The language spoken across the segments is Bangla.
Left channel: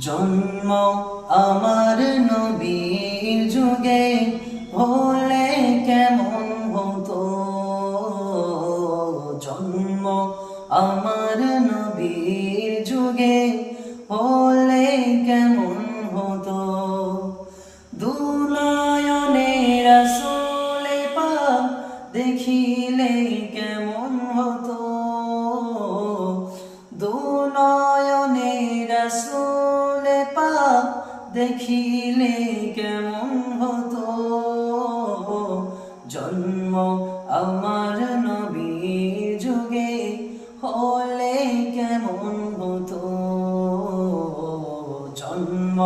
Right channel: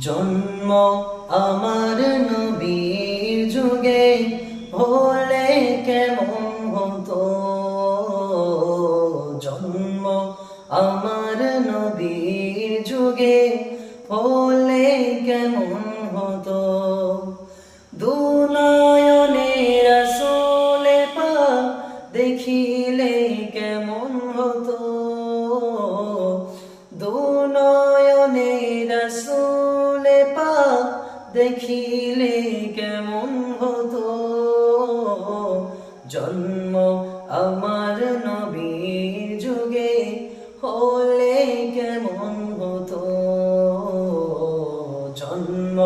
জন্ম আমার নবীর যুগে হলে কেমন হতো। জন্ম আমার নবীর যুগে হলে কেমন হতো। দুনয়নে রাসূলে পাক দেখিলে কেমন হতো। দুনয়নে রাসূলে পাক দেখিলে কেমন হতো। জন্ম আমার নবীর যুগে হলে কেমন হতো। জন্ম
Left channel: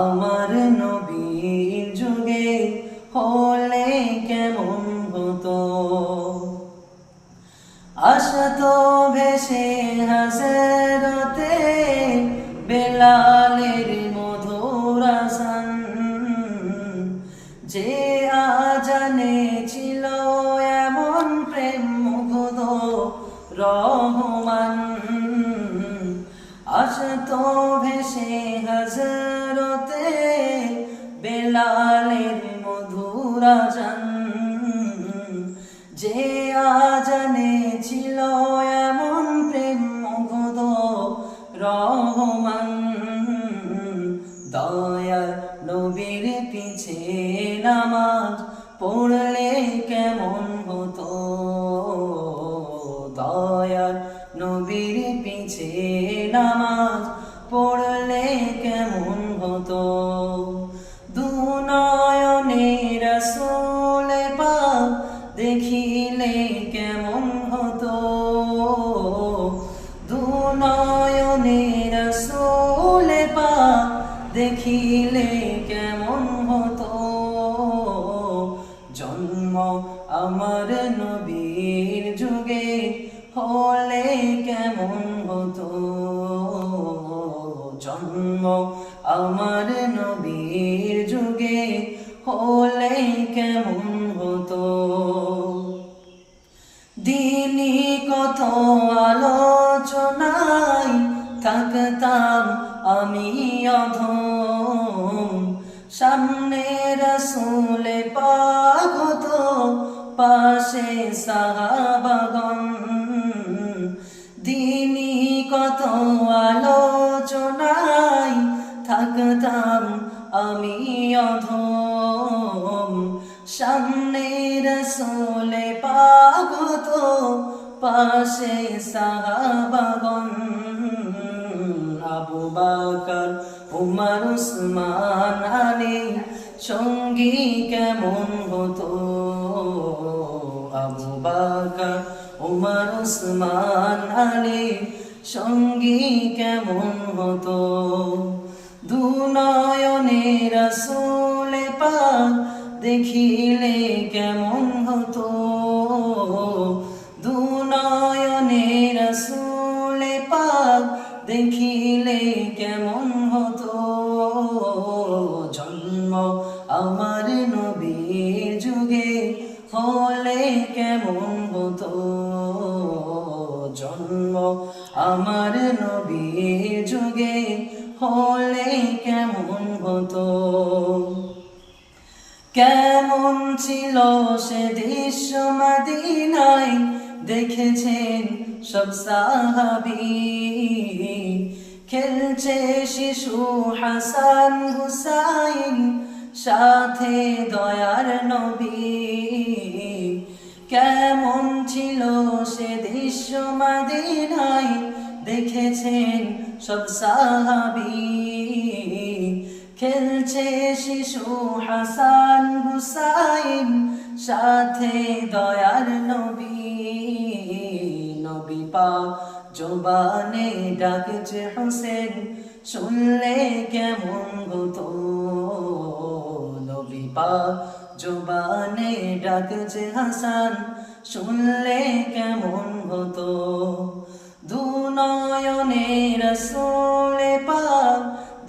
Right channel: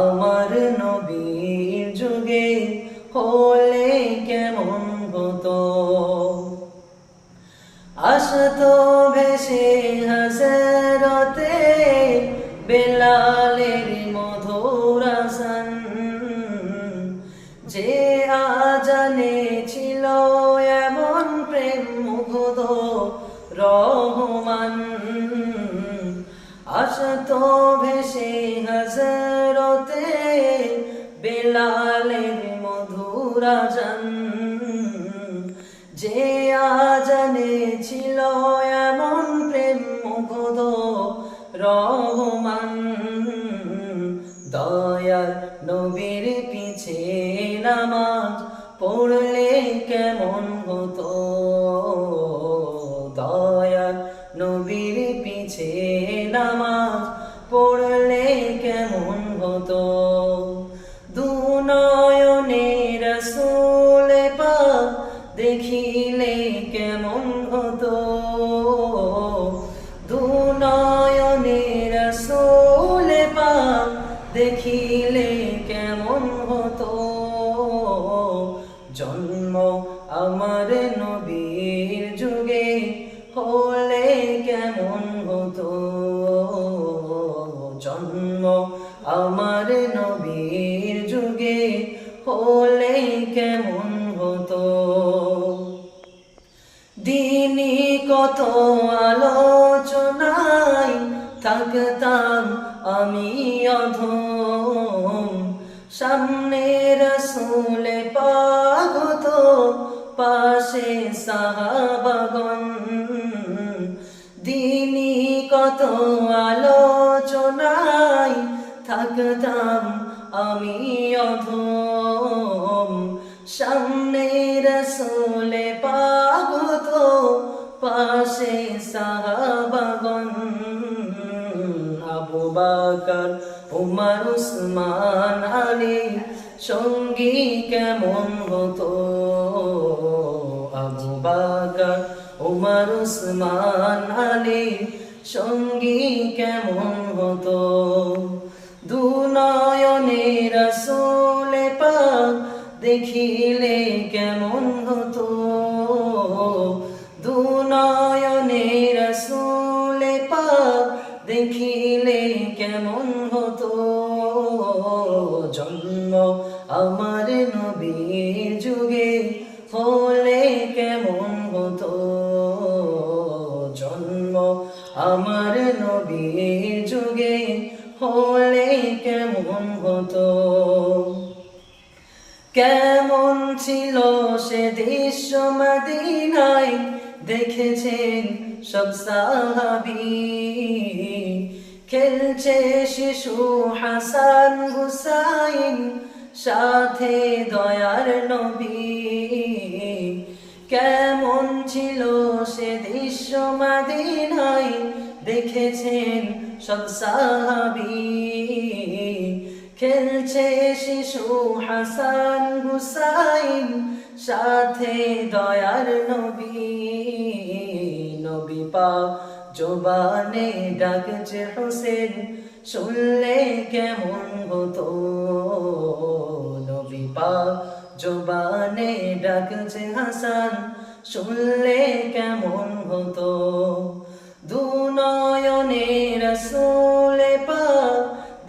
আমার নবীর যুগে হলে কেমন হতো। আসতো ভেসে হাসরতে বেলালের মধুর আযান, যে আজানে ছিল এমন প্রেম মুগ্ধ রহমান। আসতো ভেসে হাসরতে বেলালের মধুর আযান, যে আজানে ছিল এমন প্রেম মুগ্ধ রহমান। দয়ার নবীর পিছে নামাজ পড়লে কেমন হতো। দয়ার নবীর পিছে নামাজ পড়লে কেমন হতো। দুনয়নে রাসূলে পাক দেখিলে কেমন হতো। দুনয়নে রাসূলে পাক দেখিলে কেমন হতো। জন্ম আমার নবীর যুগে হলে কেমন হতো। জন্ম আমার নবীর যুগে হলে কেমন হতো। দিনই কত আলোচনায় থাকতাম আমি অধম, সামনে রাসূলে পাক হতো, পাশে সাহাবাগণ। দিনই কত আলোচনায় থাকতাম আমি অধম, সামনে রাসূলে পাক হতো, পাশে সাহাবাগণ। আবু বকর উমর উসমান আলী সঙ্গী কেমন হতো। আবু বকর উমর উসমান আলী সঙ্গী কেমন হতো। দুনয়নে রাসূলে পাক দেখিলে কেমন হতো। দুনয়নে রাসূলে পাক দেখিলে কেমন হতো। জন্ম আমার নবীর যুগে হলে কেমন হতো। জন্ম আমার নবীর যুগে হলে কেমন হতো। কেমন ছিল সে দৃশ্য মদিনায় দেখেছেন সব সাহাবী। খেলছে শিশু হাসান হুসাইন, সাথে দয়ার নবী। কেমন ছিল সে দৃশ্য মদিনায় দেখেছেন সব সাহাবী। খেলছে শিশু হাসান হুসাইন, সাথে দয়ার নবী। নবী পাক জবানে ডাকছে হোসেন, শুনলে কেমন হতো। নবী পাক জবানে ডাকছে হাসান, শুনলে কেমন হতো। দুনয়নে রাসূলে পাক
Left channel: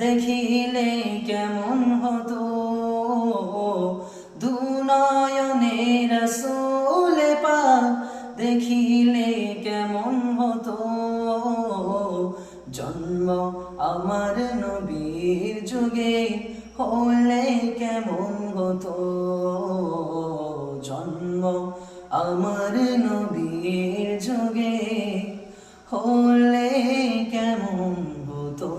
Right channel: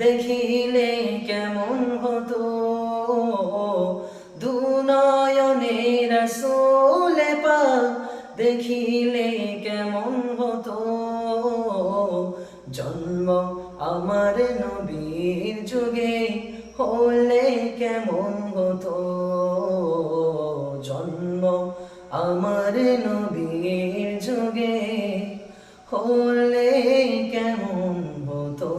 দেখিলে কেমন হতো। দুনয়নে রাসূলে পাক দেখিলে কেমন হতো। জন্ম আমার নবীর যুগে হলে কেমন হতো, জন্ম আমার নবীর যুগে হলে কেমন হতো।